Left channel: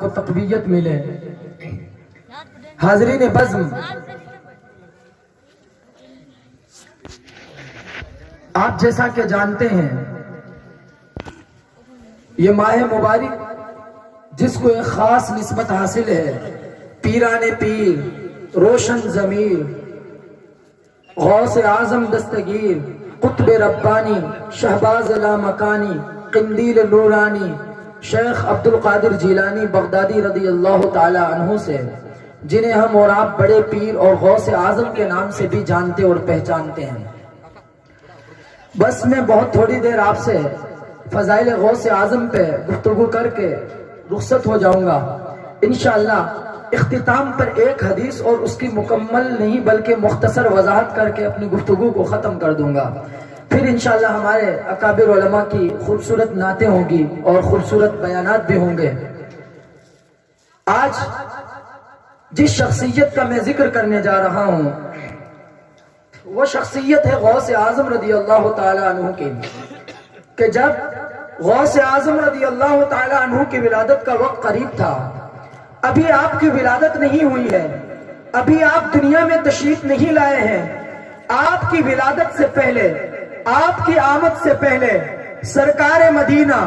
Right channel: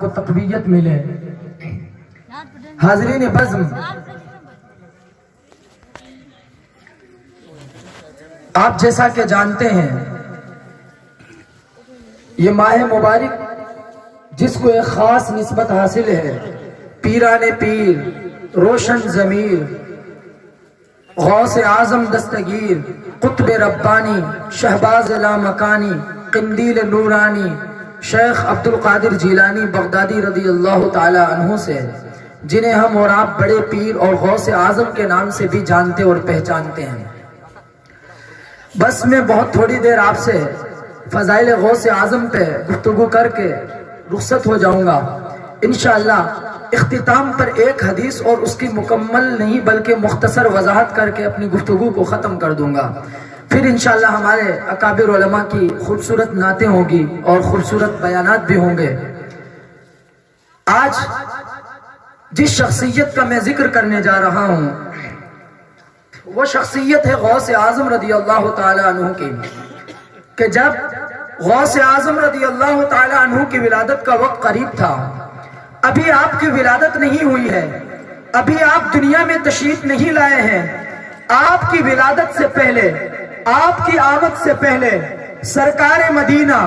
کو تقویت ملے۔ حاضرین بزم، آپ جیسا کہ جانتے ہیں یہ ماہ مبارک جس کو ایک خاص نسبت حاصل ہے، پیران پیر، روشن ضمیر، غوث اعظم دستگیر، قطب ربانی، شہباز لامکانی، قندیل نورانی، شیخ عبد القادر جیلانی بغدادی رضی اللہ تعالی عنہ سے، جنہیں ہم اور آپ بڑے پیر اور غوث اعظم کے نام سے بھی جانتے اور پہچانتے ہیں۔ بس میں بہت تھوڑی دیر آپ سے فضائل غوث اعظم پہ گفتگو کر کے رخصت ہو جاؤں گا۔ انشاءاللہ اختتام پر ایک حدیث اور اس کی مکمل نہیں بلکہ مختصر وضاحت کر کے اپنی گفتگو کو ختم کر دوں گا۔ پھر انشاءاللہ ہمارے اکابر علماء کی خوبصورت نعتیں ہوں گی اور خوبصورت بیانات بھی ہوں گے۔ آج جس شخصیت کا میں ذکر کرنے جا رہا ہوں وہ شخصیت ہے غوث اعظم رضی اللہ تعالی عنہ کی، کہ جب غوث اعظم رضی اللہ تعالی عنہ کی ولادت کا وقت قریب تھا، ابھی آپ کی ولادت نہیں ہوئی ہے، ابھی آپ دنیا میں تشریف نہیں لائے ہیں، آپ کی ولادت سے پہلے، آپ کی آمد سے پہلے سرکار مدینہ،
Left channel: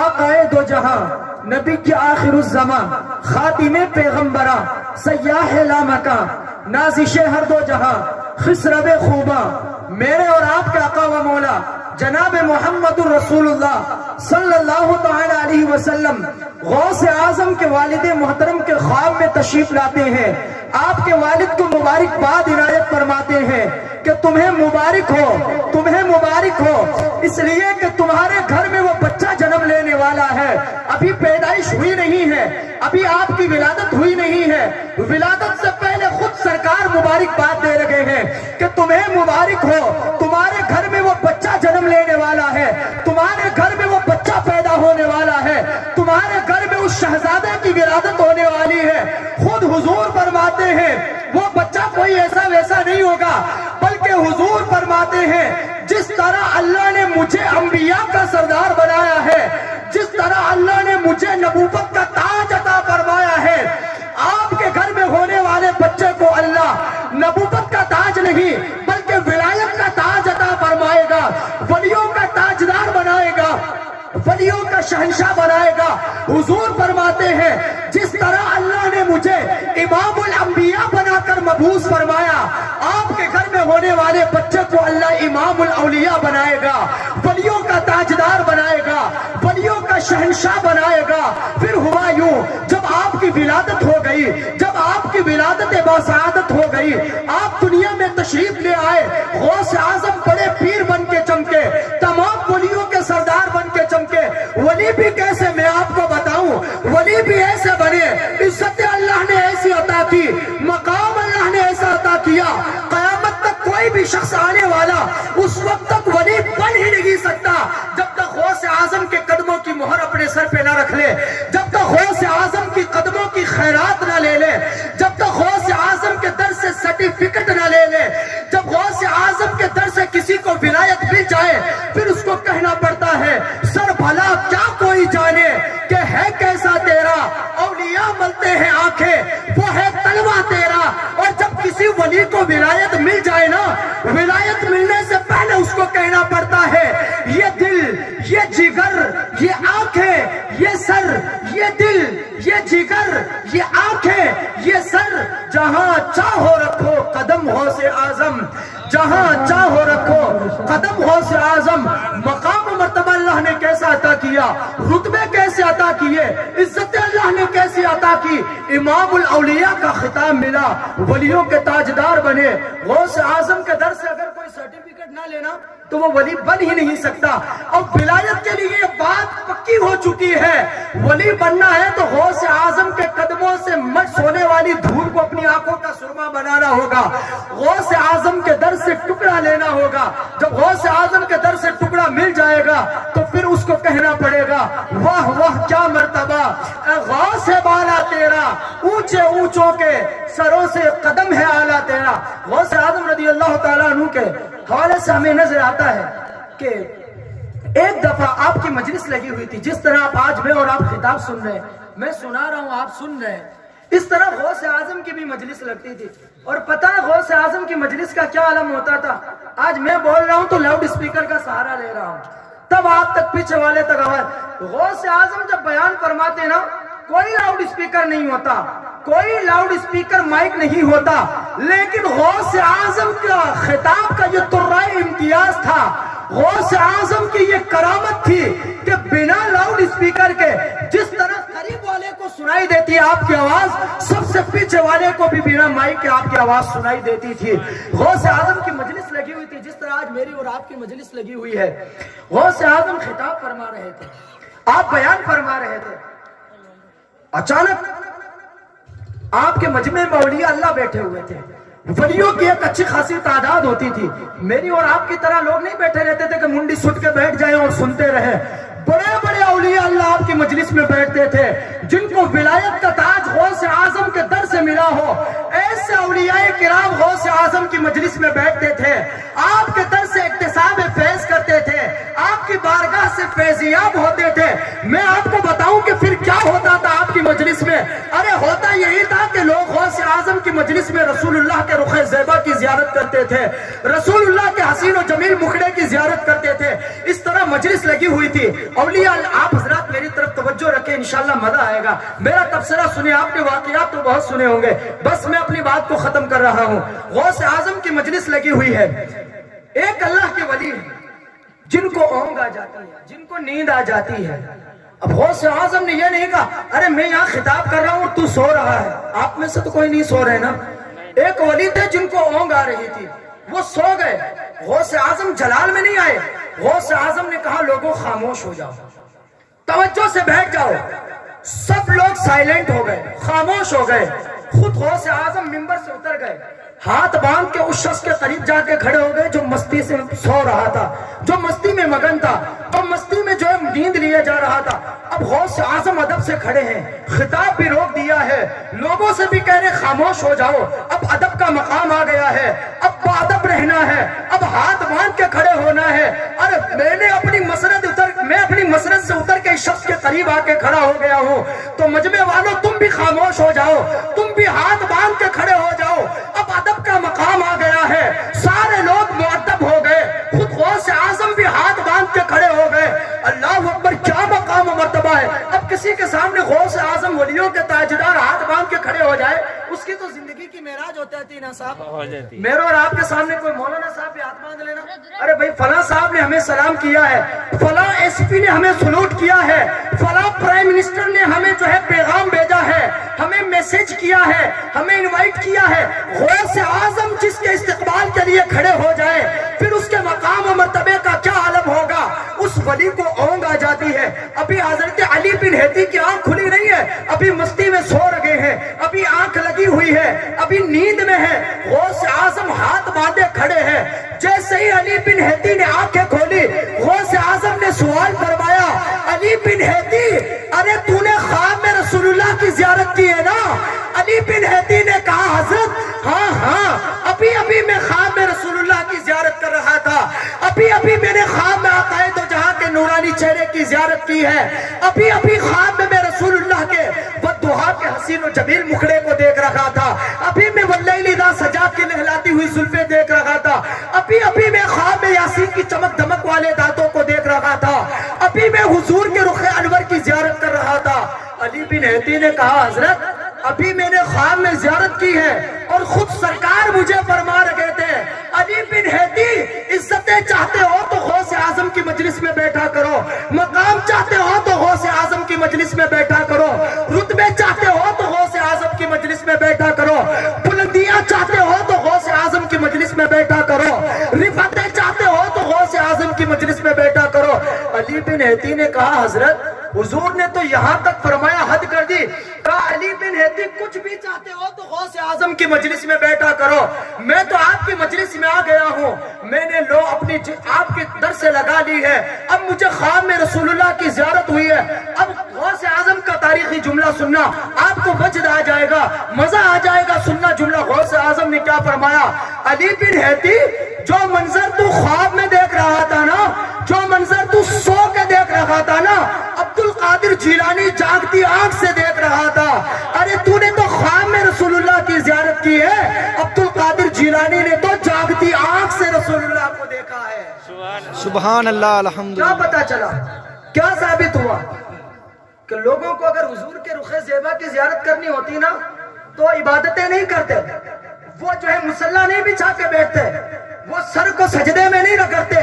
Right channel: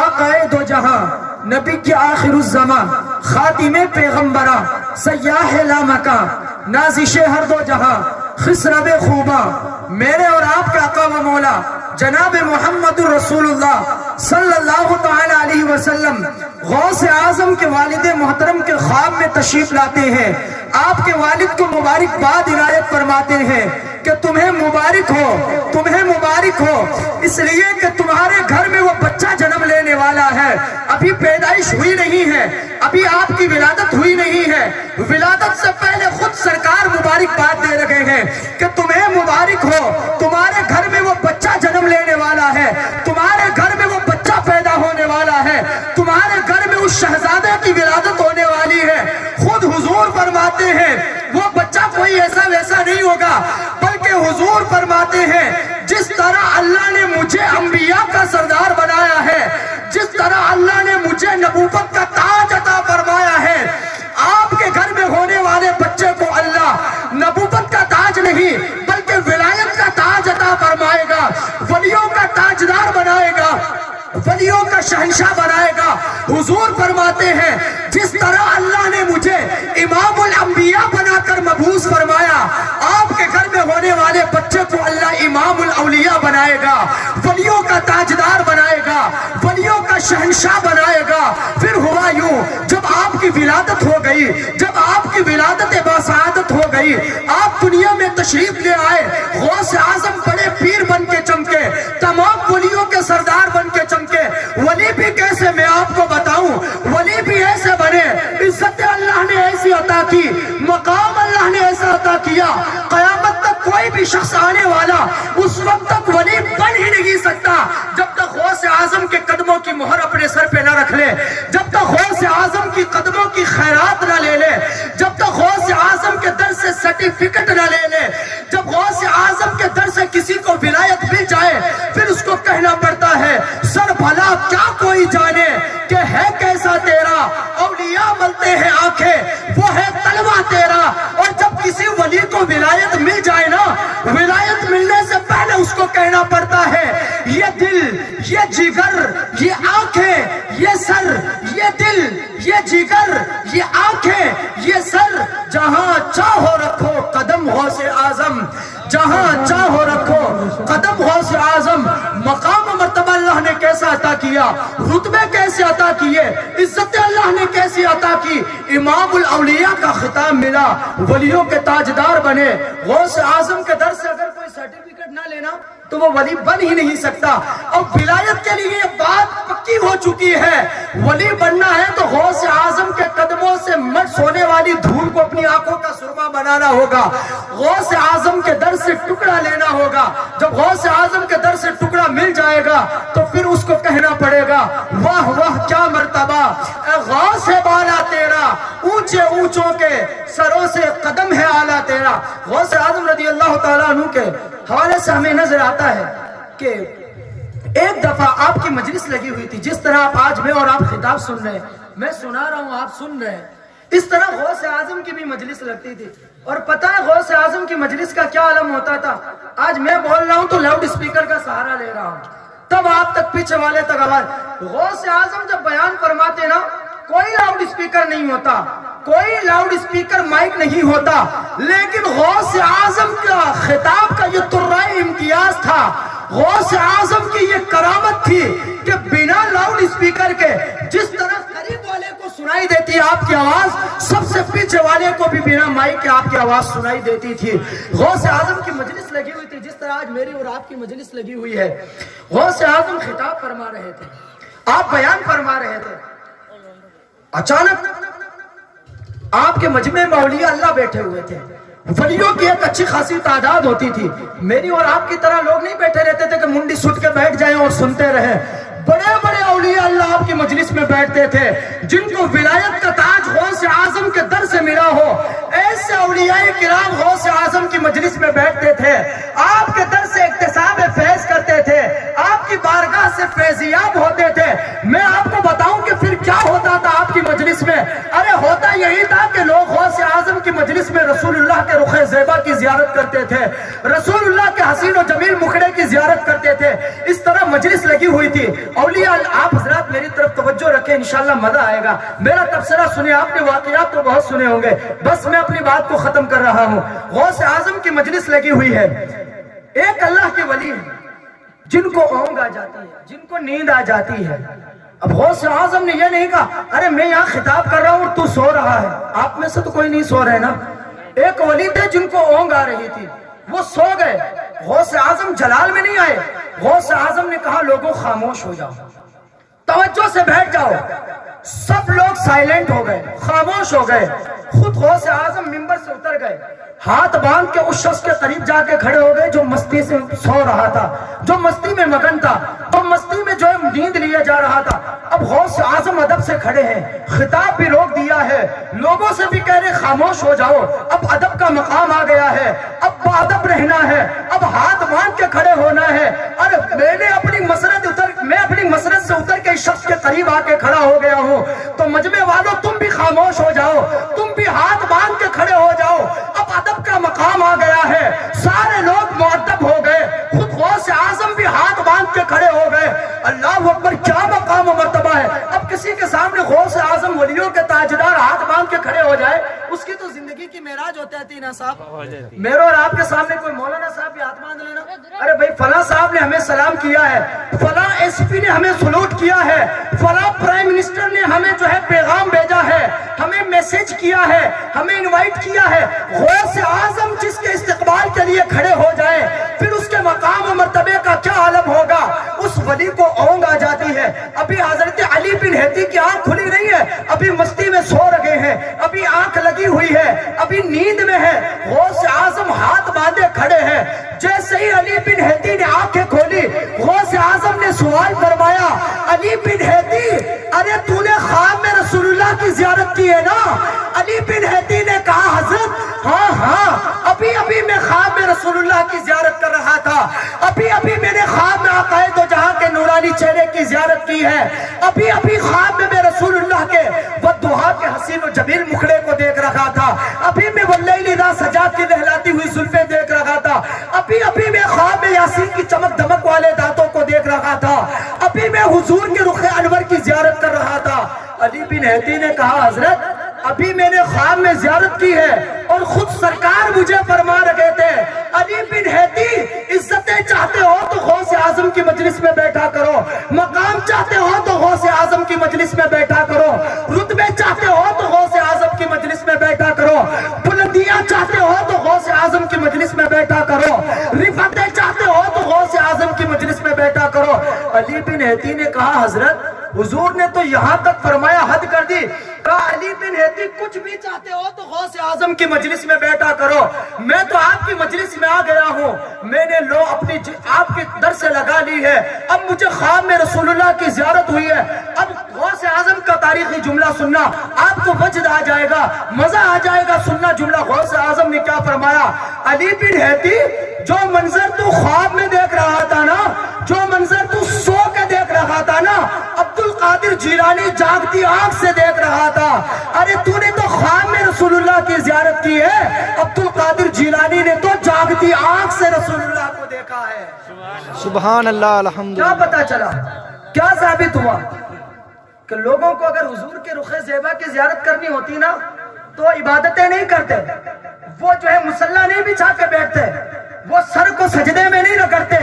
آقا دو جہاں، نبی کی آخر الزمان، خاتم پیغمبراں، سیاح لامکاں، نازش ہر دو جہاں، خسرو خوباں، میرے اور آپ کے آقا و مولا جناب محمد رسول اللہ صلی اللہ تعالی علیہ وسلم غوث اعظم کے والد محترم کے خواب میں تشریف لاتے ہیں۔ آپ کے والد کو مبارکباد عنایت فرماتے ہیں کہ تمہیں مبارک ہو، تمہیں مبارک ہو، اس لیے کہ تمہارے گھر میں وہ بچہ جنم لینے والا ہے، ابھی پیدائش ہوئی نہیں ہے، ابھی آپ کی ولادت ہوئی نہیں ہے، ولادت سے پہلے خود سرکار مبارکباد دے رہے ہیں کہ تمہیں مبارک ہو، تمہارے گھر میں وہ بچہ جنم لینے والا ہے، تمہارے گھر میں وہ بچہ پیدا ہونے والا ہے، تمہارے گھر میں اس شہزادے کی ولادت ہونے والی ہے۔ خود حضور فرماتے ہیں وہ بچہ کوئی ایسا ویسا نہیں ہوگا، بلکہ حضور فرماتے ہیں جس طرح اللہ نے مجھے انبیاء کا سردار بنایا ہے، جس طرح اللہ نے مجھے نبوت کا تاج عطا فرمایا ہے، آپ کے گھر میں ہونے والے بچے کو اللہ نبوت کا تاج نہیں بلکہ ولایت کا تاج عطا فرمائے گا، ولیوں کا تاجدار بنائے گا، ولیوں کا شہنشاہ بنائے گا۔ حضور فرماتے ہیں جس طرح اللہ نے مجھے امام الانبیاء بنا کر مبعوث فرمایا، آپ کے گھر میں ہونے والے بچے کو اللہ امام الاولیاء بنائے گا، ولیوں کا تاجدار بنائے گا، ولیوں کا شہنشاہ بنائے گا۔ پھر ہوا یوں، جب آپ کی ولادت ہو گئی، جب آپ کی ولادت باسعادت ہو گئی، آپ دنیا میں تشریف لے آئے، غوث اعظم بڑے پیر بن کے چمکے، تمام ولیوں کے سردار بن کے چمکے۔ ولی بھی کیسے میں آپ کو بتاؤں، ولی بھی ایسے بنے، عزت اللہ نے ایسی عطا کی، مقام اللہ نے ایسا عطا کیا، قیامت تک کوئی بھی شخص آنے والا اس وقت تک ولی بن ہی نہیں سکتا جب تک غوث اعظم کے قدموں کی مہر اپنے سر پہ نہ رکھ لے، جب تک غوث اعظم کی قدموں کی خیرات نہ لے لے، جب تک غوث اعظم کے در سے سرٹیفکیٹ نہ لے لے، جب غوث اعظم کے در سے کسی کو ولایت مل جائے، پھر اس کو کہنا پڑتا ہے سر بھلا کیا کوئی جانے کہ ہے کیسا تیرا، اولیاء ملتے ہیں آنکھیں وہ ہے طلبہ تیرا۔ اور جب کسی ولی کو ولایت مل جائے نا، ولایت ملنے سے پہلے اس کو کہنا پڑتا ہے یہ دل، یہ جگر، یہ آنکھیں، یہ سر، یہ دل، یہ جگر، یہ آنکھیں، یہ سر، جہاں چاہو رکھو قدم غوث اعظم، جہاں چاہو رکھو قدم غوث اعظم۔ مقام و مرتبہ اللہ نے کیسا عطا کیا، رتبے کیسے عطا کیے، عزت اللہ نے کیسی عطا کی، امام الاولیاء کا خطاب ملا، ولیوں کے تاجدار بنے۔ غوث اعظم کے در سے اگر کوئی سرٹیفکیٹ نہ لینا تو وہ ولی بن ہی نہیں سکتا۔ اور ولایت کے لیے بات پکی ہو چکی ہے، ولی بننا ہے تو غوث اعظم کے قدموں سے مٹ ہونے والی دھول کو اپنی آنکھوں کا سرما بنانا ہوگا، غوث اعظم کے در سے ٹکڑا لینا ہوگا۔ جب غوث اعظم کے در سے ٹکڑا مل جائے گا تو پھر اس کو کہنا پڑے گا واہ واہ کیا مرتبہ، اے غوث ہے بالا تیرا، اونچے اونچوں کے سروں سے قدم ہے اعلیٰ تیرا۔ غوث اعظم رضی اللہ تعالیٰ عنہ کے حوالے سے ہمیں نظر آتا ہے کہ ایک دفعہ آپ کی مجلس لگی ہوئی تھی، جس طرح آپ آج میں اور آپ خطاب سن رہے ہیں، میں سنا رہا ہوں آپ سن رہے ہیں. اس طرح غوث اعظم کی بھی مجلس لگتی تھی. اور پتہ ہے غوث اعظم کی مجلس کا کیا عالم ہوتا تھا؟ آج میں بول رہا ہوں تو لاؤڈ اسپیکر کا سہارا لے رہا ہوں، تب آپ تک پیچھے والے تک آواز. غوث اعظم جب بیان فرماتے نا، کوئی لاؤڈ اسپیکر نہیں ہوتا، کوئی لاؤڈ اسپیکر مائک نہیں ہوتا، لیکن غوث اعظم کا خطاب کا یہ ترائے امتیاز تھا، غوث اعظم کی یہ کرامت تھی کہ بنا لاؤڈ اسپیکر کے جس طرح قریب والے کو سنائی دیتی ہے آپ کی آواز، سب سے پیچھے والے کو بھی بنا مائک کے آپ کی آواز سنائی دیتی تھی. غوث اعظم کی مجلس لگی ہوئی تھی جس طرح آج میری اور آپ کی مجلس لگی ہوئی ہے. غوث اعظم خطاب فرما رہے تھے، آپ بیان فرما رہے تھے. اچانک آپ کے مجمع میں اولیاء اللہ بیٹھے ہوئے تھے. ولیوں کی ایک اچھی خاصی تعداد ہوتی تھی. میری اور آپ کی طرح لوگ نہیں بیٹھے رہتے تھے کہ منڈی سٹ کے بیٹھ جائیں اور سنتے رہیں. بڑے بڑے اولیاء اللہ آپ کی مجلس میں بیٹھتے تھے جن کو ولایت کا تاج غوث اعظم کے در سے ملا ہو. ایسے اولیاء کرام غوث اعظم کی مجلس میں بیٹھتے تھے، آپ کے در سے اکتساب فیض کرتے تھے، آپ کی بارگاہ سے فیضیاب ہوتے تھے. میں آپ کو بتاؤں کہ پھر کیا ہوتا تھا آپ کی مجلس میں؟ ارے ہوتا یہی تھا کہ لوگ غوث اعظم کی مجلس میں رسول اللہ کے رخ زیبا کی زیارت کرتے تھے، رسول اللہ کے حسین و جمیل مکھڑے کی زیارت کرتے تھے. اس طرح مجلس لگی ہوئی تھی. اولیاء آپ حضرات میری طرف توجہ رکھیں، انشاءاللہ مزہ آئے گا. میرا تبصرہ سنیں، آپ نے واقعات تو بہت سنے ہوں گے، بس میں اپنی بات کو ختم کر رہا ہوں. غوث اعظم کی مجلس لگی ہوئی ہے. ایک اللہ کے ولی ہیں جن کو اونگ آ جاتی ہے، جن کو نیند آ جاتی ہے. اب غوث اعظم نے یہ نہیں کہا ارے میں یہاں خطاب کر رہا ہوں اور تو سو رہا ہے. آپ میں سے تو کوئی نہیں سو رہے نا. ایک ولی تھے جن کو اونگ آ رہی تھی، وہ سو گئے. غوث اعظم جلال میں نہیں آئے. غوث اعظم نے کہا لوگوں خاموش ہو جاؤ، توجہ سے بیٹھ جاؤ. سب لوگ سائلنٹ ہو گئے، خاموش ہو گئے. خود غوث اعظم منبر سے اتر گئے، ہاتھ باندھ کے اس شخص کے قریب جا کے کھڑے ہو گئے جو مستی سے سو رہا تھا، جو مستی میں مگن تھا، جو مستی میں جو نیند لیا جا رہا تھا. اب غوث اعظم ادب سے کھڑے ہیں، خطاب بھی روک دیا ہے، لوگوں سے بھی کہہ رہے خاموش ہو جاؤ. اب ادب کا مقام آ گیا ہے، اب باادب رہنا ہے، اب ہاتھ باندھ کے کھڑے ہونا ہے. ارے میں اپنی مسرت سے اتر کے اس شخص کے قریب آ کے کھڑا ہو گیا ہوں، تو مجمع والوں تم بھی خاموش ہو جاؤ، تم بھی ہاتھ باندھ کے کھڑے ہو جاؤ. اب ادب کا مقام آ گیا ہے، سارے لوگ مؤدب ہو گئے. خود غوث اعظم بھی ہاتھ باندھ کے کھڑے ہو گئے. اللہ اکبر، کیا مقام و مرتبہ ہے. اب کسی کے سامنے غوث اعظم ولیوں کے تاجدار ہاتھ باندھ کے کھڑے ہو جائے، اس کی تو زندگی کی معراج ہوتا ہے نا صاحب. میرے اور آپ کے سامنے کوئی مولانا صاحب بھی ہاتھ باندھ لینا، ارے بھائی فلاں صاحب نے ہمیں سلام کیا ہے، فلاں ایس پی نے ہمیں سلوٹ کیا ہے، فلاں پرائم منسٹر نے ہمیں جو ہے پیغام بھیجا ہے، ہمیں میسج کیا ہے، ہمیں انوائٹ کیا ہے. غوث اعظم جس کے استقبال کے لیے کھڑے ہو جائے، پھر اس کے مقام و مرتبے کا کیا عالم ہوگا. اس ولی کو اونگ آ جاتی ہے. ابھی حضرت علی بن ہیتی کی آنکھ کھلی نہیں ہے، ابھی مستی میں سو رہے ہیں، ابھی آنکھ لگی ہوئی ہے، ابھی نیند میں ہے. غوث اعظم ہاتھ باندھے کھڑے ہیں. جیسے ہی علی بن ہیتی نے آنکھیں کھولی، غوث اعظم نے سوال فرمایا علی بن ہیتی، ارے تو نے خواب میں رسول اللہ کی زیارت کی ہے نا؟ علی بن ہیتی نے کہا حضرت ہاں ابھی میں خواب میں رسول اللہ کی زیارت کر رہا تھا، ابھی میں نے خواب میں آقائے دو جہاں کے نورانی چہرے کی زیارت کی ہے، ابھی خواب میں رسول اللہ کے والضحیٰ کے حسین و جمیل مکھڑے کو دیکھ رہا تھا، ابھی میں واللیل اذا سجا کی لہلاتی ہوئی زلفیں دیکھ رہا تھا، ابھی میں خواب میں یاسین کی چمک دمک والے دانتوں کو دیکھ رہا تھا، ابھی میں حضور کے رخ انور کی زیارت کر رہا تھا. علی بن ہیتی نے کہا حضرت ابھی میں نے خواب میں زیارت کی ہے اور خود سرکار مجھے فرما رہے تھے علی بن ہیتی عزتیں چاہتے ہو تو غوث اعظم کی مجلس میں بیٹھا کرو، مقام چاہتے ہو تو غوث اعظم کی مجلس میں بیٹھا کرو، رتبے چاہتے ہو تو غوث اعظم کی مجلس میں بیٹھا کرو، بلندیاں چاہتے ہو تو غوث اعظم کی مجلس میں بیٹھا کرو، رفعتیں چاہتے ہو تو غوث اعظم کی مجلس میں بیٹھا کرو. علی بن ہیتی نے کہا حضرت حضور نے تو یہاں تک فرمایا حد کر دی. کہا علی بن ہیتی کچھ بھی چاہتے ہو تو غوث اعظم کی مجلس میں بیٹھا کرو. میں تو آپ کی مجلس میں آ گیا ہوں، میں نے لو اپنی آپ کی در سے لگا لی ہے، اب مجھے خواب میں رسول اللہ کی زیارت ہوئی ہے. اب غوث اعظم کا تاریخی جملہ سننا، آپ کو وجد آ جائے گا، مزہ آ جائے گا سننا جملہ. غوث اعظم نے کیا فرمایا؟ علی بن ہیتی جو منظر تو خواب میں دیکھ رہا تھا نا، جو منظر تو سو کے دیکھ رہا تھا نا، عبد القادر جیلانی جاگتی آنکھ سے دیکھ رہا تھا، ارے تو نے تو خواب میں رسول اللہ کی زیارت کی ہے، عبد القادر جیلانی نے تو جاگتی آنکھ سے رسول اللہ کو دیکھا ہے۔ سبحان اللہ، الحمدللہ۔ کیا پتا چلا، کیا ثابت ہوا کہ لوگوں کو اگر حضور کے رخ زیبا کی زیارت کرنی ہوتی نا تو عبادتیں نہیں کرتے، وہ جو ہے مصلی نہیں بچھا کے بیٹھتے، وہ سر کو سجدے میں نہیں رگڑتے،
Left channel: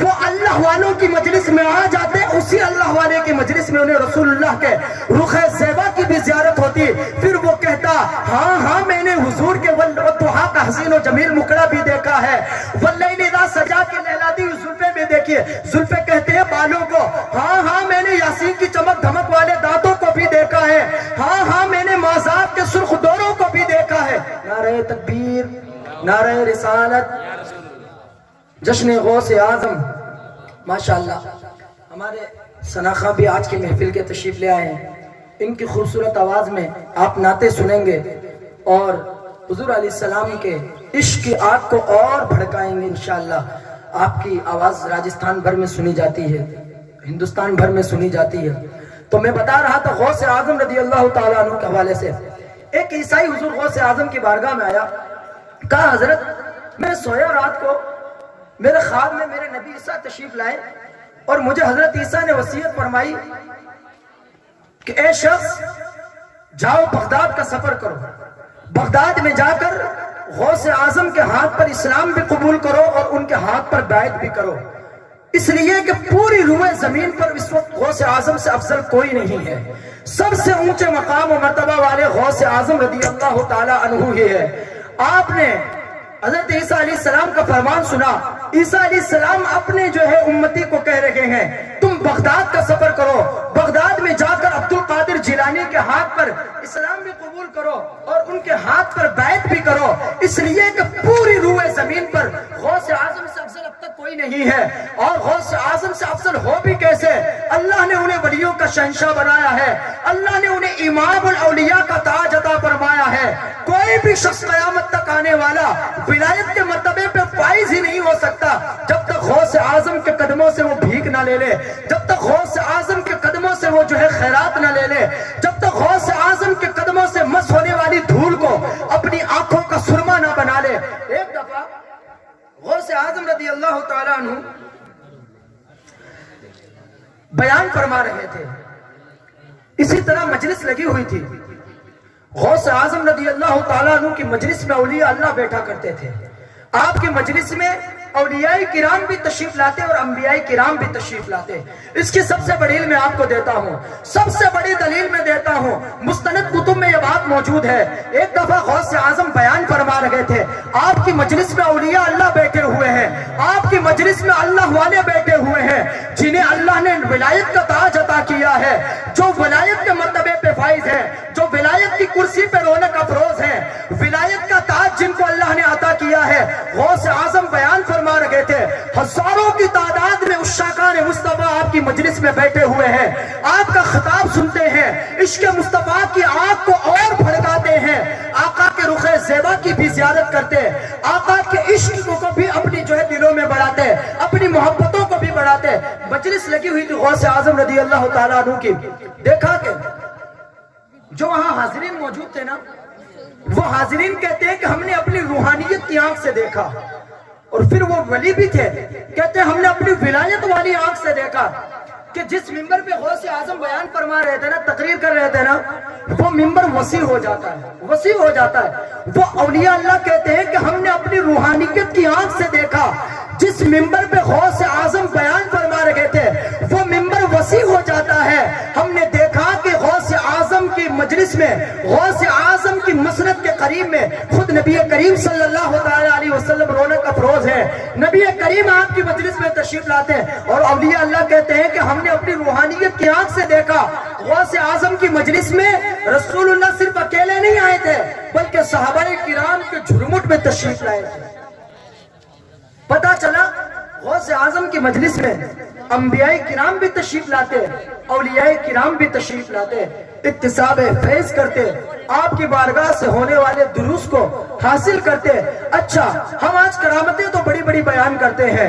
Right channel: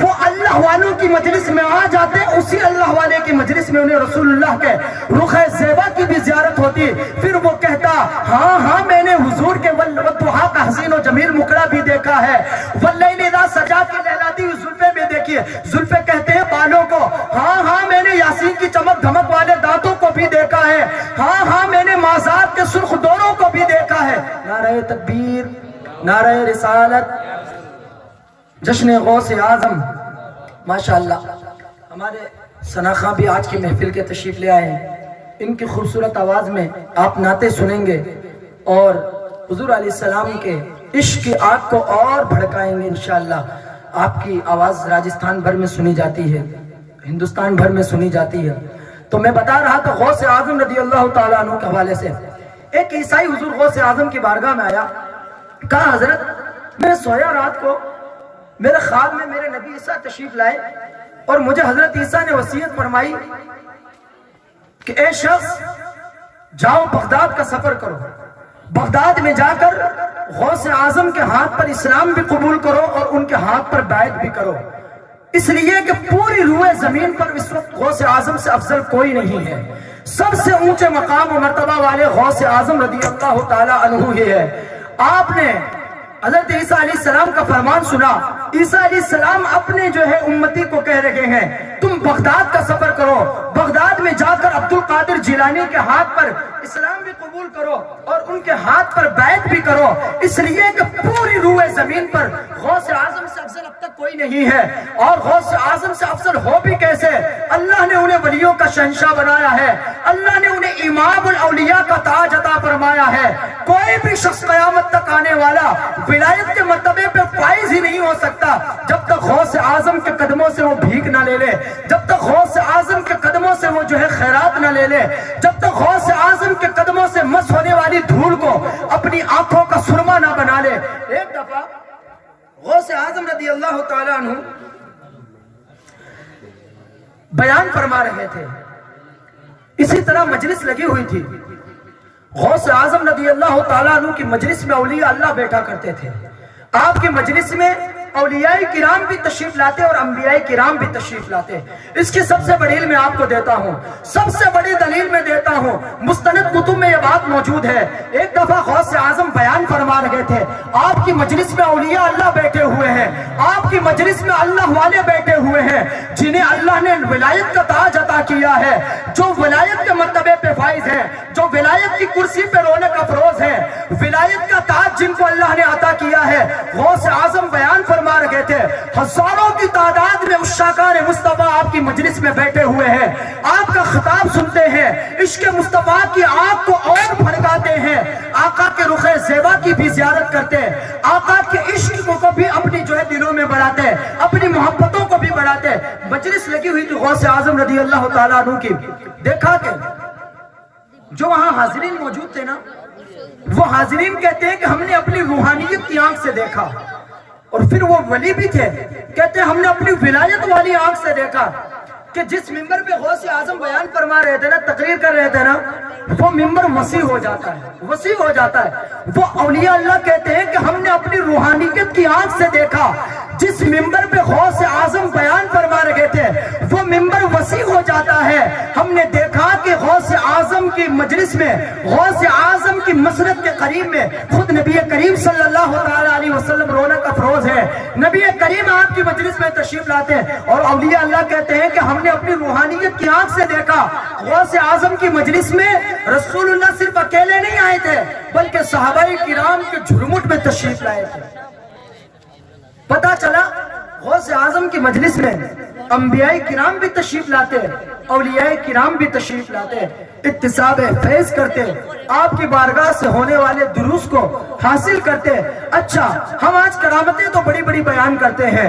وہ اللہ والوں کی مجلس میں آ جاتے، اسی اللہ والے کی مجلس میں انہیں رسول اللہ کے رخ زیبا کی بھی زیارت ہوتی۔ پھر وہ کہتا ہاں میں نے حضور کے والضحیٰ کا حسین و جمیل مکڑا بھی دیکھا ہے، واللیل اذا سجا کی لہلاتی ہوئی زلفیں بھی دیکھیے، زلفیں کہتے ہیں بالوں کو، ہاں میں نے یاسین کی چمک دھمک والے دانتوں کو بھی دیکھا ہے، ہاں میں نے معذاب کے سرخ دوروں کو بھی دیکھا ہے۔ نعرہ تکبیر، نعرہ رسالت، جشن غوث اعظم۔ ماشاءاللہ ہمارے ثنا خاں بھی آج کی محفل کے تشریف لے آئے ہیں، ان کی خوبصورت آواز میں آپ نعتیں سنیں گے اور حضور علیہ السلام کے عشق کی آگ کو اور بھڑکائیں گے انشاءاللہ۔ آپ کی آواز راجستھان بھر میں سنی جاتی ہے، ہندوستان بھر میں سنی جاتی ہے۔ تو میں بتا رہا تھا غوث اعظم رضی اللہ تعالیٰ عنہ کے حوالے سے، ایک عیسائی حضور غوث اعظم کی بارگاہ میں آیا، کہا حضرت میں سویا رات کو، میرے خواب میں میرے نبی عیسیٰ تشریف لائے اور مجھے حضرت عیسیٰ نے وصیت فرمائی کہ اے شخص جاؤ بغداد کا سفر کرو، بغداد میں جا کر غوث اعظم کے ہاتھ پر اسلام بھی قبول کرو اور ان کے ہاتھ پر بیعت بھی کرو، اس لیے کہ پوری روئے زمین پر اس وقت غوث اعظم سے افضل کوئی نہیں ہے، سب سے اونچے مقام و مرتبہ والے غوث اعظم رضی اللہ تعالیٰ عنہ ہی ہے۔ آپ نے حضرت عیسیٰ علیہ السلام کا فرمان سنا، عیسیٰ علیہ السلام اپنے جو ہے امتی کو کہہ رہے ہیں تم بغداد کا سفر کرو، بغداد میں جا کر عبد القادر جیلانی کے ہاتھ پر اسلام بھی قبول کرو اور ان کے ہاتھ پر بیعت بھی کرو، اس لیے کہ پوری روئے زمین پر غوث اعظم سے افضل اب تک کوئی نہیں ہے، اور غوث اعظم سے افضل ہو بھی کیسے؟ اللہ نے انہیں ولیوں کا شہنشاہ بنایا ہے، اللہ نے انہیں امام الاولیاء کا تاج عطا فرمایا ہے۔ کوئی بھی شخص قیامت تک آنے والا ولایت کے مرتبے پہ فائز ہی نہیں ہو سکتا جب تک غوث اعظم کے قدموں سے وہ بھیک نہ لے لے، جب تک غوث اعظم کے قدموں سے وہ جو ہے خیرات نہ لے لے، جب تک غوث اعظم کے قدموں سے مس ہونے والی دھول کو اپنی آنکھوں کا سرما نہ بنا لے۔ ایک دفعہ غوث اعظم رضی اللہ تعالیٰ عنہ بیان فرما رہے تھے، اسی طرح مجلس لگی ہوئی تھی، غوث اعظم رضی اللہ تعالیٰ عنہ کی مجلس میں اولیاء اللہ بیٹھا کرتے تھے، آپ کی مجلس میں اولیاء کرام بھی تشریف لاتے اور انبیاء کرام بھی تشریف لاتے۔ اس کی سب سے بڑی دلیل میں آپ کو دیتا ہوں، سب سے بڑی دلیل میں دیتا ہوں، مستند کتب میں یہ بات موجود ہے۔ ایک دفعہ غوث اعظم بیان فرما رہے تھے، آپ کی مجلس میں اولیاء اللہ بیٹھے ہوئے ہیں، آپ کی مجلس میں اللہ والے بیٹھے ہوئے ہیں جنہیں اللہ نے ولایت کا تاج عطا کیا ہے، جو ولایت کے مرتبے پہ فائز ہیں، جو ولایت کی کرسی پہ رونق افروز ہیں، ولایت کا تاج جن کو اللہ نے عطا کیا ہے۔ غوث اعظم بیان فرما رہے تھے، ہزاروں کی تعداد میں عشاقان مصطفیٰ آپ کی مجلس میں بیٹھے ہوئے ہیں، آپ کا خطاب سنتے ہیں، عشق مصطفیٰ کی آگ کو اور بھڑکاتے ہیں، آقا کے رخ زیبا کی بھی زیارت کرتے، آقا کے عشق کو بھی اپنی جو ہے دلوں میں بڑھاتے، اپنی محبتوں کو بھی بڑھاتے۔ مجلس لگی ہوئی تھی غوث اعظم رضی اللہ تعالیٰ عنہ کی، دیکھا کہ جو وہاں حاضرین موجود تھے نا، وہ حاضرین کہتے ہیں کہ ہم نے اپنی روحانیت کی آنکھ سے دیکھا، اور پھر وہ ولی بھی تھے، کہتے ہیں ہم نے اپنی ولایت والی آنکھ سے دیکھا کہ جس ممبر پہ غوث اعظم بیان فرما رہے تھے نا، تقریر کر رہے تھے نا، وہ ممبر وسیع ہو جاتا ہے، وسیع ہو جاتا ہے۔ وہ اولیاء اللہ کہتے ہیں کہ ہم نے اپنی روحانیت کی آنکھ سے دیکھا، جس ممبر پہ غوث اعظم بیان فرما رہے تھے وہ ممبر وسیع ہو جاتا ہے۔ ہم نے دیکھا کہ غوث اعظم کی مجلس میں، غوث اعظم کی مسرت کے قریب میں خود نبی کریم صلی اللہ علیہ وسلم رونق افروز ہے، نبی کریم آپ کی مجلس میں تشریف لاتے ہیں، اور اولیاء اللہ کہتے ہیں کہ ہم نے اپنی روحانیت کی آنکھ سے دیکھا۔ غوث اعظم کی مجلس میں رسول اللہ صرف اکیلے نہیں آئے تھے بلکہ صحابہ کرام کے جھرمٹ میں تشریف لائے تھے۔ پتا چلا غوث اعظم کی مجلس میں انبیاء کرام بھی تشریف لاتے، اولیاء کرام بھی تشریف لاتے، اکتساب فیض کرتے، آپ کی بارگاہ سے ہونے والے دروس کو حاصل کرتے۔ اچھا، ہم آج کرامتیں تو بڑی بڑی بیان کرتے ہیں،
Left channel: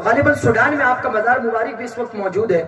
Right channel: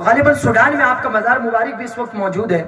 غالباً سوڈان میں آپ کا مزار مبارک بھی اس وقت موجود ہے.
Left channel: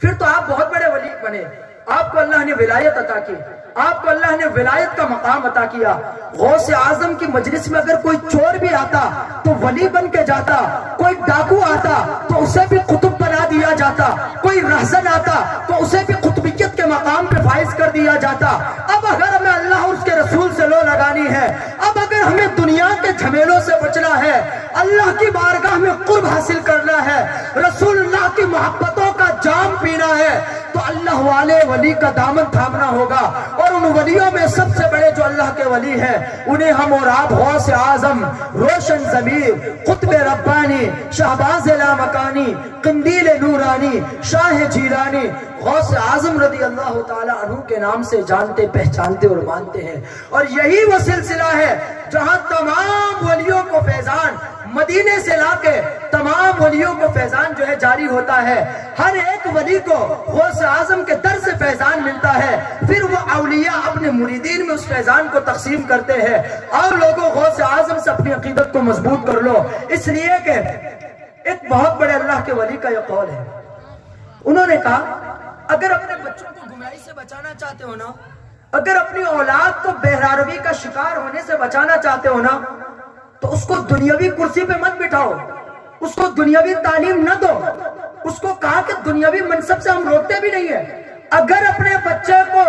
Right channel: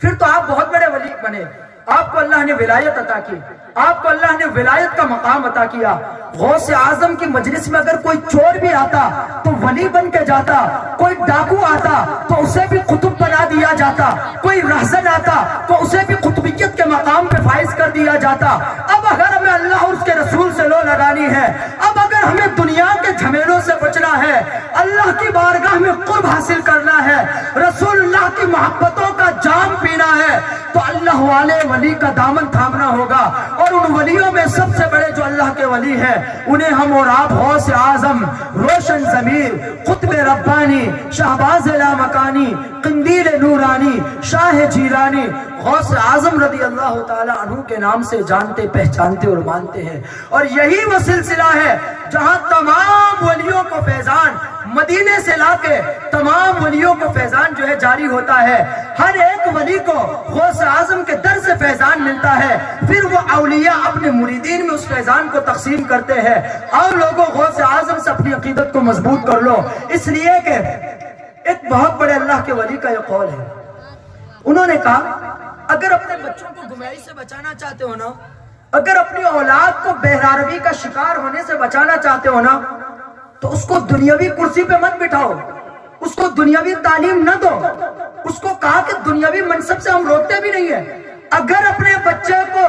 پھر تو آپ بہت بڑے ولی بنے, آپ کو اللہ نے ولایت عطا کی, آپ کو اللہ نے ولایت کا مقام عطا کیا. غوث اعظم کی مجلس میں اگر کوئی چور بھی آتا تو ولی بن کے جاتا, کوئی ڈاکو آتا تو اسے بھی قطب بنا دیا جاتا, کوئی رہزن آتا تو اسے بھی قطبیت کے مقام پہ فائز کر دیا جاتا. اب اگر ہمیں اللہ اور اس کے رسول سے لو لگانی ہے, اب اگر ہمیں دنیا کے جھمیلوں سے بچنا ہے, اللہ کی بارگاہ میں قرب حاصل کرنا ہے, رسول اللہ کی محبتوں کا جام پینا ہے, تو اللہ والے ولی کا دامن تھامنا ہوگا. اور ان ولیوں میں سب سے بڑے جو اللہ کے ولی ہیں انہیں ہم اور آپ غوث اعظم, روشن ضمیر, قطب ربانی, شہباز لامکانی, قندیل نورانی, شاہ جیلانی, غوث اعظم رضی اللہ تعالی عنہ کے نام سے جانتے پہچانتے اور مانتے ہیں. اور یہی وہ سلسلہ ہے جہاں تمام ولیوں کو فیضان مدینے سے لا کے تمام ولیوں کو فیضان جو ہے جاری ہوتا ہے. ہر ایک ولی کو غوث اعظم کے در سے فیضان ملتا ہے, پھر وہ اولیاء اپنے مریدین میں اس فیضان کو تقسیم کرتے ہیں. اور لوگوں غوث اعظم سے اپنی عقیدت کو مضبوط کر لو, اس لیے کہ ایک بہت بڑے اللہ کے ولی کا یہ قول ہے. انہوں نے کہا اگر اپنے بچوں کو گمراہی سے بچانا چاہتے ہو نا, اگر اپنی اولاد کو بہراروی کا شکار ہونے سے بچانا چاہتے ہو نا, تو اس کو دنیاوی کرسی پہ مت بٹھاؤ, اس کو دنیاوی تعلیم نہ دو. اس کو کہا کہ دنیاوی منصب سے ہم روکتے بھی نہیں ہیں, اگر اپنے بچے کو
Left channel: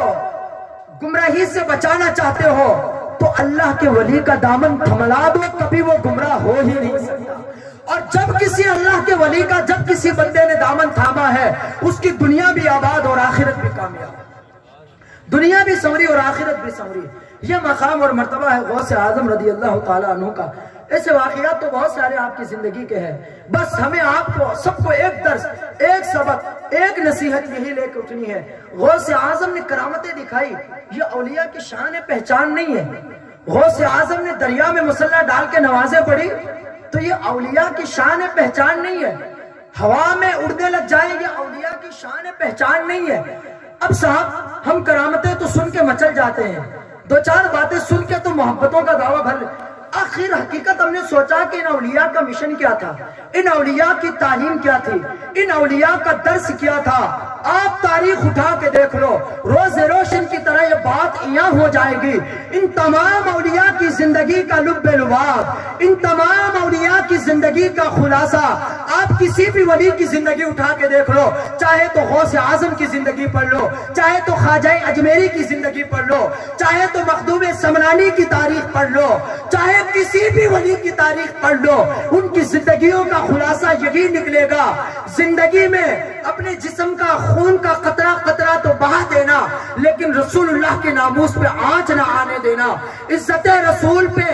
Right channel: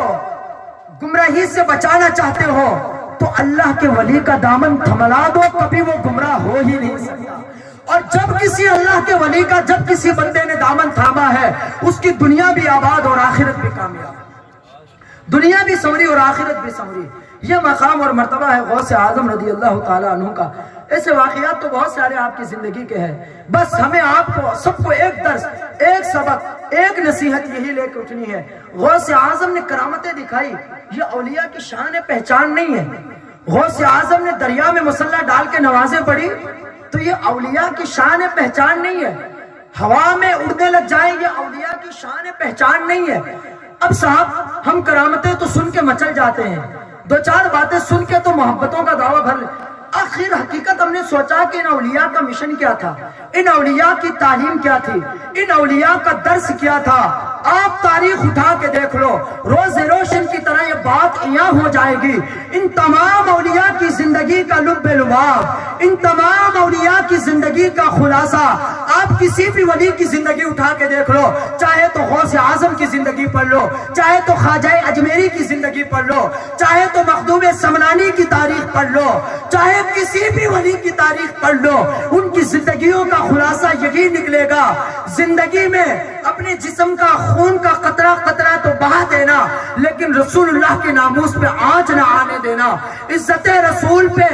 گمراہی سے بچانا چاہتے ہو تو اللہ کے ولی کا دامن تھملا دو, کبھی وہ گمراہ ہو ہی نہیں سکتا. اور جب کسی اللہ کے ولی کا, جب کسی بندے نے دامن تھاما ہے, اس کی دنیا بھی آباد اور آخرت بھی کامیاب, دنیا بھی سنوری اور آخرت بھی سنوری. یہ مقام اور مرتبہ ہے غوث اعظم رضی اللہ تعالیٰ عنہ کا. ایسے واقعات تو بہت سارے آپ کی زندگی کے ہیں, بس ہمیں آپ کو سب کو ایک درس, ایک سبق, ایک نصیحت یہی لے کے اٹھنی ہے. غوث اعظم نے کرامتیں دکھائی, یہ اولیاء کی شان پہچان نہیں ہے. غوث اعظم نے دریا میں مسلح ڈال کے نمازیں پڑھی تو یہ اولیاء کی شان پہچان نہیں ہے. ہوا میں اڑنے لگ جائے, یہ اولیاء کی شان پہچان نہیں ہے. اب صاحب ہم کرامتیں تو سن کے مچل جاتے ہیں, دو چار باتیں سن کے تو محبتوں کا دعویٰ بھر لیں. آخر حقیقت ہم نے سوچا کہ ان اولیاء کا مشن کیا تھا, ان اولیاء کی تعلیم کیا تھی, ان اولیاء کا درس کیا تھا. آپ تاریخ اٹھا کے دیکھ لو, روز روشن کی طرح یہ بات یہاں ہو جائے گی. ان تمام اولیاء کی زندگی کا لب لباب, ان تمام اولیاء کی زندگی کا خلاصہ آپ کسی بھی ولی کی زندگی اٹھا کے دیکھ لو, چاہے تو غوث اعظم کی زندگی پڑھ لو, چاہے تو خواجہ اجمیری کی زندگی پڑھ لو, چاہے تو مخدوم سمنانی کی تاریخ پڑھ لو, چاہے کسی بھی ولی کی تاریخ پڑھ لو, ان کی زندگیوں کا خلاصہ یہی نکلے گا. زندگی میں اپنے جسم کا خون کا قطرہ قطرہ تو بہا دینا, لیکن رسول اللہ کے ناموس پہ آنچ نہ آنے دینا, عزت رسول پہ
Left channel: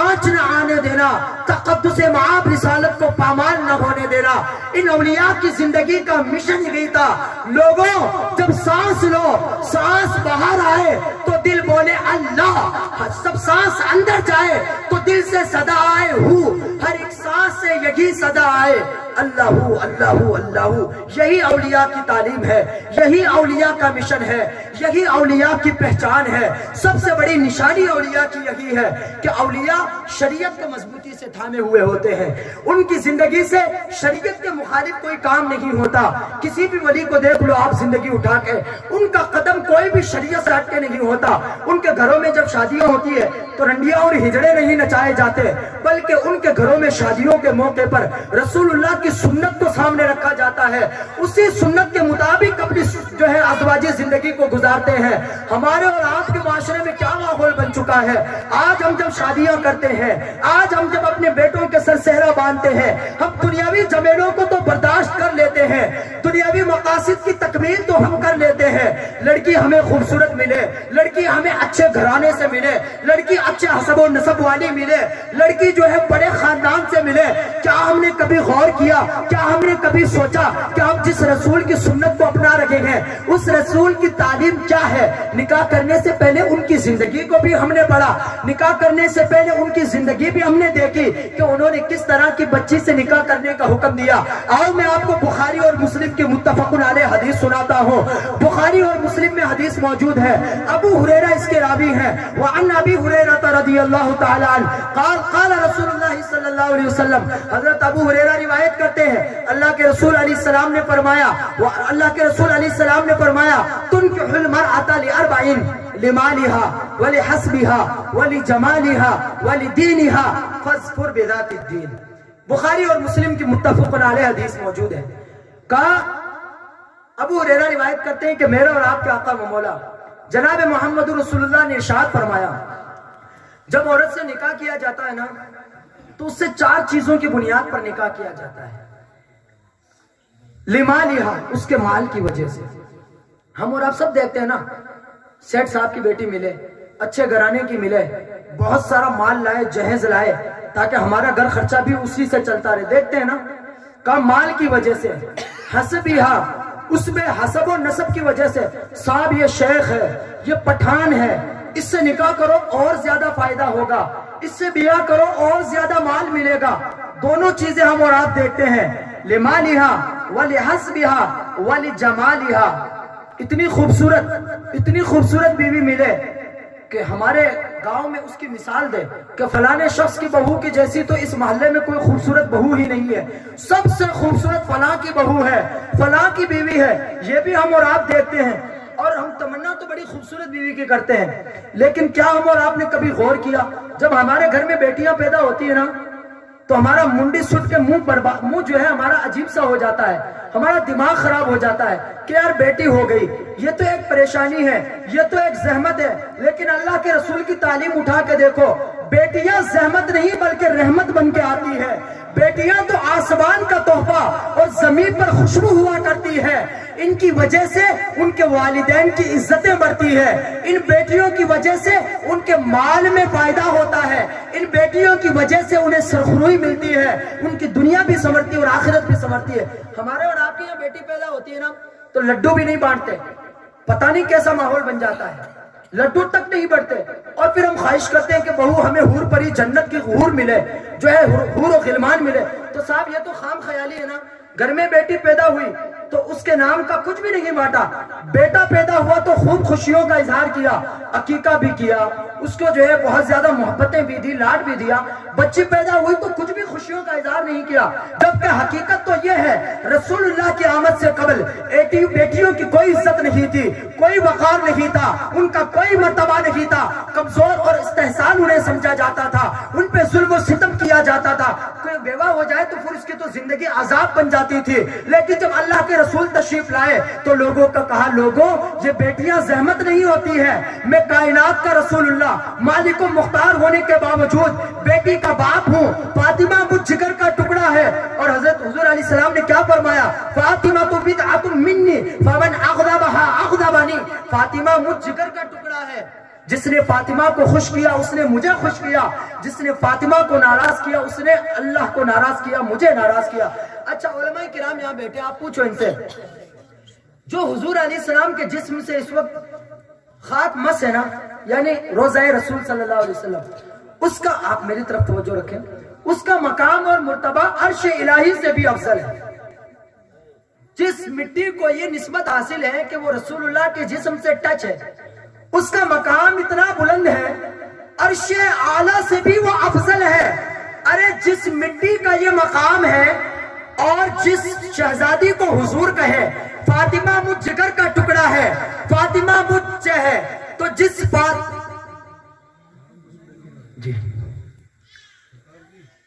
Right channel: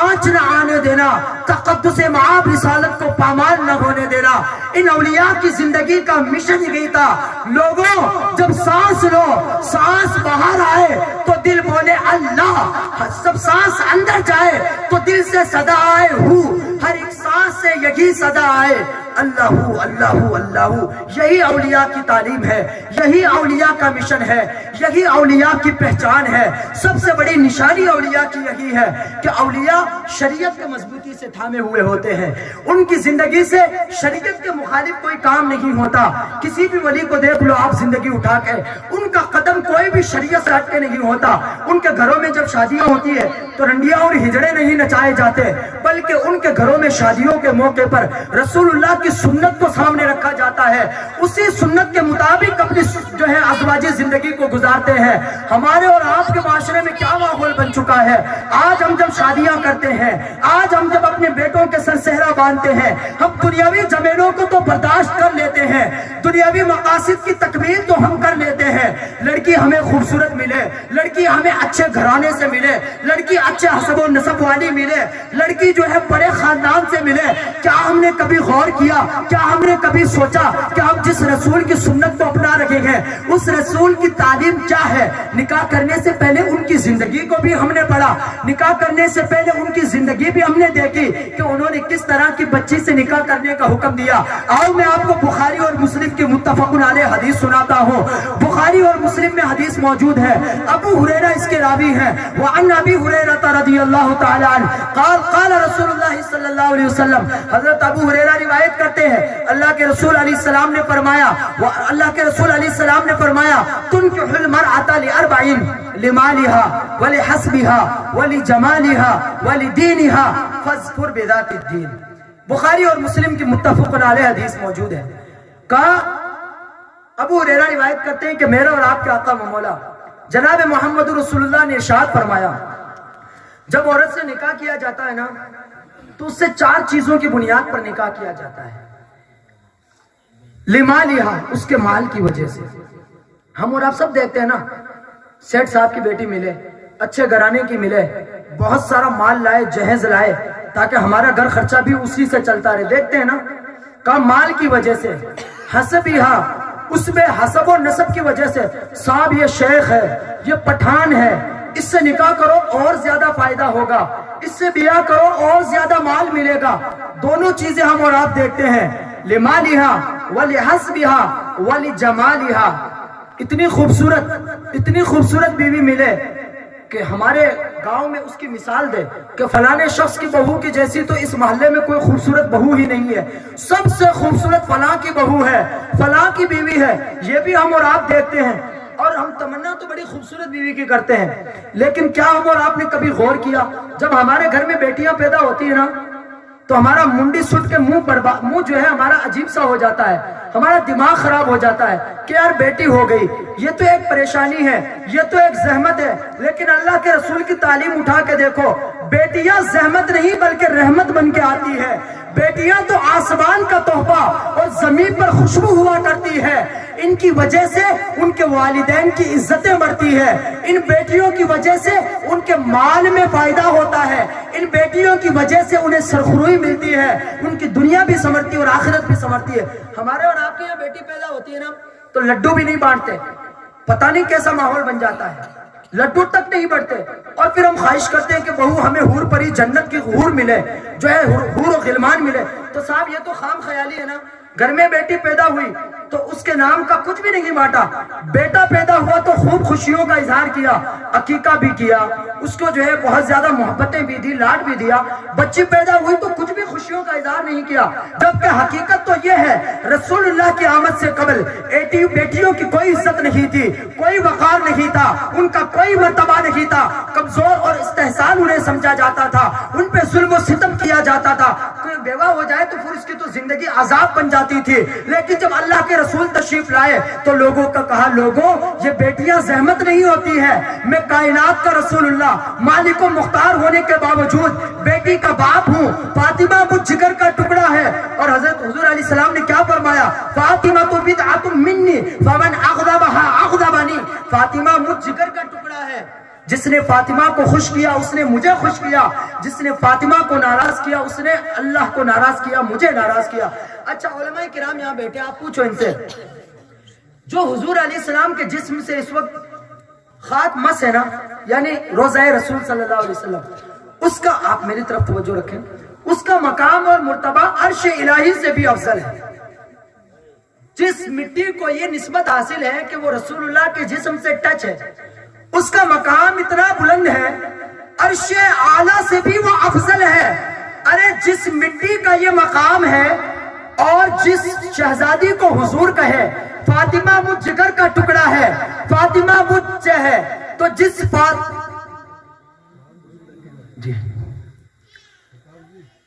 آنچ نہ آنے دینا, تقدس معاب رسالت کو پامال نہ ہونے دینا. ان اولیاء کی زندگی کا مشن یہی تھا. لوگوں جب سانس لو, سانس باہر آئے تو دل بولے اللہ, جب سانس اندر جائے تو دل سے صدا آئے ہو, ہر ایک سانس سے یہی صدا آئے اللہ اللہ اللہ. یہی اولیاء کی تعلیم ہے, یہی اولیاء کا مشن ہے, یہی اولیاء کی پہچان ہے. سب سے بڑی نشانی اولیاء کی یہی ہے کہ اولیاء شریعت کے مضبوطی سے تھامے ہوئے ہوتے ہیں. ان کی زندگی سے شریعت کے مخالف کوئی کام نہیں ہوتا. کسی بھی ولی کو دیکھ لو آپ زندگی اٹھا کے, ان کا قدم کوئی بھی شریعت سے ہٹ کے نہیں ہوتا. ان کے گھروں میں جب شادیاں ہوتی ہے تو رنڈیاں اور ہجڑے نہیں نچائے جاتے, بلکہ ان کے گھروں میں شادیوں کے موقع پر رسول اللہ کی سنت کو سامنے رکھا جاتا ہے. اسی سنت کے مطابق اپنی جو ہے ازواجی زندگی کو گزارتے ہیں. ہمارے اور آپ کے معاشرے میں کیا ماحول بن چکا ہے. آج ہم جب شادیاں کرتے ہیں, آج ہم جب اپنے بیٹوں کے سر صحرا باندھتے ہیں, ہم دنیاوی جمیلوں کو تو برداشت کر لیتے ہیں, دنیاوی مقاصد کی تکمیل تو ہم کر لیتے ہیں. لڑکی ہمیں خوبصورت ملے, لڑکی ہمیں اچھے گھرانے سے ملے, لڑکی اچھے حسب و نسب والی ملے, لڑکی جو ہے بڑے خاندان سے ملے. کیا ہم نے کبھی غور کیا, کیا ہم نے کبھی سوچا کہ ہم جس رسول کی سنت کو اپنا رکھے ہیں اس رسول کی تعلیم کیا ہے؟ نکاح کرنے سے پہلے ان کی زندگی کو بھی ہم نے پڑھا، نکاح کرنے سے پہلے ان کی زندگی بھی ہم نے دیکھی کہ انہوں نے کس طرح کی بچی سے نکاح کرنے کا حکم دیا۔ آؤ میں آپ کو بخاری اور مسلم کی متفق علیہ حدیث سناتا ہوں۔ بخاری اور مسلم میں حدیث موجود ہے، ابو ہریرہ اس کے راوی ہیں۔ وعن ابی ہریرہ رضی اللہ تعالی عنہ قال قال رسول اللہ صلی اللہ علیہ وسلم، حضرت ابو ہریرہ روایت کرتے ہیں اللہ کے رسول علیہ السلام نے فرمایا، اللہ کے رسول علیہ السلام نے فرمایا تنکح المرأة لأربعین لمالها ولحسبها ولجمالها ولدینها فاظفر بذات الدین۔ بخاری اور مسلم کی متفق علیہ حدیث موجود ہے۔ کہا ابو ہریرہ روایت کرتے ہیں کہ میرا اور آپ کے آقا و مولا جناب محمد رسول اللہ نے ارشاد فرمایا، جب عورت سے نکاح کیا جاتا ہے نا تو اس سے 4 چیزوں کی بنیاد پر نکاح کیا جاتا ہے۔ لمالہا، اس کے مال کی وجہ سے۔ ہم اور آپ سب دیکھتے ہیں نا، سیٹ صاحب کی بیٹی ملے، اچھے گھرانے کی ملے، بہت سارا مال لائے، جہیز لائے تاکہ ہمارا گھر خرچہ بھی اسی سے چلتا رہے، دیکھتے ہیں نا، کہا مال کی وجہ سے۔ حسبہا، اس میں حسب و نسب کی وجہ سے، صاحب یہ شیخ ہے، یہ پٹھان ہے، اس سے نکاح کرو اور زیادہ فائدہ ہوگا، اس سے بیاہ کرو اور زیادہ مال ملے گا۔ دونوں چیزیں ہم اور آپ دیکھتے ہیں، لمالہا ولحسبہا ولجمالہا۔ اتنی خوبصورت بیوی ملے کہ ہمارے گاؤں میں اس کی مثال دے کہ فلانے شخص کی بہو کی جیسی تو اس محلے میں کوئی خوبصورت بہو ہی نہیں ہے، سب سے خوبصورت فلاں کی بہو ہے، فلاں کی بیوی ہے۔ یہ بھی ہم اور آپ دیکھتے ہیں، اور ہم تمنا تو بڑی خوبصورت بیوی کی کرتے ہیں، لیکن کیا ہم اور آپ نے کبھی غور کیا جب ہمارے گھر میں بیٹیاں پیدا ہوتی ہیں نا تو ہمارا منڈی سٹ کے منہ جو ہے ہمارا عجیب سا ہو جاتا ہے، ہمارا دماغ خراب ہو جاتا ہے کہ یار بیٹی ہو گئی، یہ تو ایک پریشانی ہے، یہ تو ایک زحمت ہے۔ لیکن اللہ کے رسول کی تعلیم اٹھا کے دیکھو، بیٹیاں زحمت نہیں بلکہ رحمت بن کے آتی ہے۔ بیٹیاں تو آسمان کا تحفہ اور زمین پر خوشبو ہوا کرتی ہے، ان کی وجہ سے ان کے والدین کی عزتیں بڑھتی ہے، ان بیٹیوں کی وجہ سے ان کے مال میں فائدہ ہوتا ہے، ان بیٹیوں کی وجہ سے انہیں سرخروئی ملتی ہے، ان کی دنیا بھی سنورتی ہے اور آخرت بھی سنورتی ہے۔ ہمارے اور آپ کے یہاں بیٹی پیدا ہوتی ہے نا تو لڈو بھی نہیں بانٹتے، پتہ نہیں کیسا ماحول بن جاتا ہے، لڈو تک نہیں بڑھتے، اور پھر ہم خواہش کرتے ہیں کہ بہو ہمیں حور پری جنت کی حور ملے، جو ہے حور و غلمان ملے۔ تو صاحب یہ تو خام خیالی ہے نا، گھر میں بیٹی پیدا ہوئی تو اس کے نام کا کچھ بھی نہیں بانٹا، بیٹا پیدا ہوا تو خوب خوشیوں کا اظہار کیا، عقیقہ بھی کیا، اس کو جو ہے بہت زیادہ محبتیں بھی دی، لاڈ بھی دیا۔ بچی پیدا ہوئی تو کچھ بھی خوشیوں کا اظہار نہیں کیا، جبکہ حقیقت تو یہ ہے رسول اللہ کی آمد سے قبل بیٹیوں کی کوئی عزت نہیں تھی، کوئی وقار نہیں تھا، ان کا کوئی مرتبہ نہیں تھا، کمزور اور استحسان انہیں سمجھا جاتا تھا، ان پہ ظلم و ستم کیا جاتا تھا۔ کوئی بیوہ ہو جائے تو پھر اس کی تو زندگی عذاب بن جاتی تھی، لیکن جب اللہ کے رسول تشریف لائے تو لوگوں کا کہا، لوگوں یہ بیٹیاں زحمت نہیں ہوتی ہے، میں کائنات کا رسول اللہ مالک و مختار ہونے کے باوجود بیٹی کا باپ ہوں، فاطمہ مجھ جگر کا ٹکڑا ہے۔ اور حضرت حضور علیہ السلام نے کیا فرمایا، فاطمہ تو بدعۃ منی فمن اغضبها اغضبنی، فاطمہ مجھ جگر کا ٹکڑا ہے، جس نے فاطمہ کو خوش کیا اس نے مجھے خوش کیا، جس نے فاطمہ کو ناراض کیا اس نے اللہ کو ناراض کیا، مجھے ناراض کیا۔ اچھا علماء کرام یہاں بیٹھے، آپ پوچھو ان سے، جو حضور علیہ السلام کے جسم سے اس وقت خاک مس ہے نا، یعنی روضہ رسول صلی اللہ علیہ وسلم، اس کا، آپ میری طرف توجہ رکھیں، اس کا مقام اور مرتبہ عرش الہی سے بھی افضل ہے۔ جس مٹی کو یہ نسبت حاصل ہے کہ وہ رسول اللہ کے جسم سے ٹچ ہے، اس کا مقام اتنا بلند ہے، عرش اعلیٰ سے بھی وہ افضل ہے۔ ارے جس مٹی کا یہ مقام ہے اور جس شہزادی کو حضور کہے فاطمہ مجھ جگر کا ٹکڑا ہے، فاطمہ مجھ ہے، تو جس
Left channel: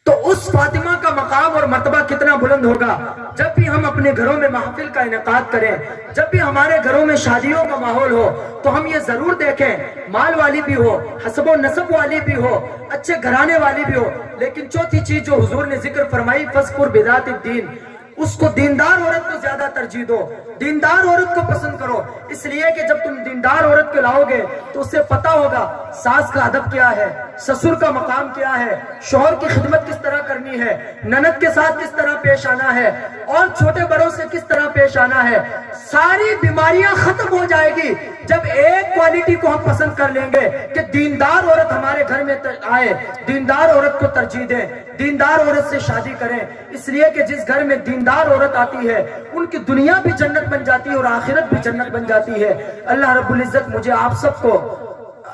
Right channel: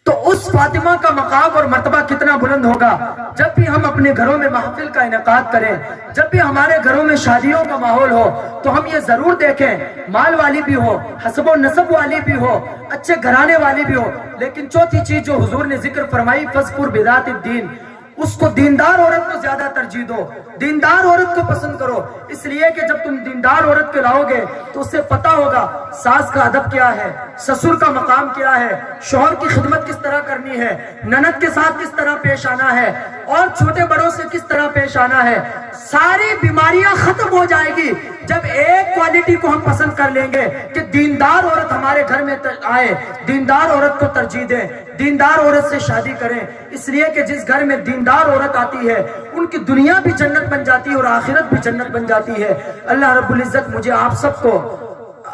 تو اس فاطمہ کا مقام اور مرتبہ کتنا بلند ہوگا۔ جب بھی ہم اپنے گھروں میں محفل کا انعقاد کریں، جب بھی ہمارے گھروں میں شادیوں کا ماحول ہو، تو ہم یہ ضرور دیکھیں مال والی بھی ہو، حسب و نسب والی بھی ہو، اچھے گھرانے والی بھی ہو، لیکن چوتھی چیز جو حضور نے ذکر فرمائی، فَاذْكُرْ بِذَاتِ الدِّينِ، اس کو دیندار عورت کو زیادہ ترجیح دو، دیندار عورت کو پسند کرو، اس لیے کہ جب تم دیندار عورت کو لاؤ گے تو اسے پتا ہوگا ساس کا ادب کیا ہے، سسر کا مقام کیا ہے، شوہر کی خدمت کس طرح کرنی ہے، نند کے ساتھ کس طرح پیش آنا ہے، اور چھوٹے بڑوں سے کس طرح پیش آنا ہے۔ ساری بیماریاں ختم ہو جائے گی جب ایک کوالٹی کو ہم پسند کر لیں گے کہ دیندار عورت ہمارے گھر میں آئے، دیندار عورت کو ترجیح دیں، دیندار عورت سے شادی کریں، اس لیے کہ جس گھر میں دیندار عورت آتی ہے ان کی دنیا بھی جنت بن جاتی ہے اور آخرت بھی جنت بن جاتی ہے۔ اللہ رب العزت مجھے آپ سب کو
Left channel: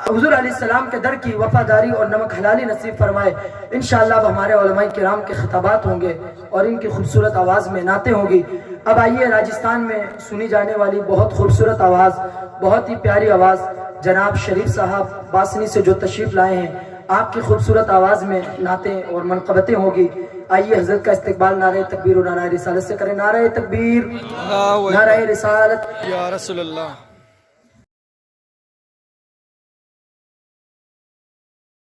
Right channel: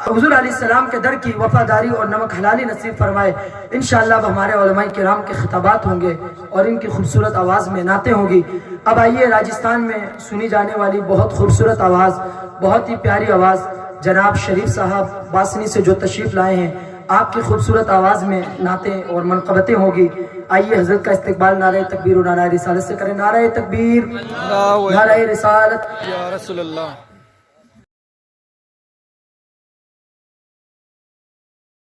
حضور علیہ السلام کے در کی وفاداری اور نمک حلالی نصیب فرمائے۔ انشاءاللہ اب ہمارے علماء کرام کے خطابات ہوں گے اور ان کی خوبصورت آواز میں نعتیں ہوں گی۔ اب آئیے راجستھان میں سنی جانے والی بہت خوبصورت آواز، بہت ہی پیاری آواز، جناب شریف صاحب باسنی سے جو تشریف لائے ہیں، آپ کی خوبصورت آواز میں نعتیں اور منقبتیں ہوگی۔ آئیے حضرت کا استقبال نعرہ تکبیر و نعرہ رسالت سے کریں۔ نعرہ تکبیر، نعرہ رسالت، یا رسول اللہ۔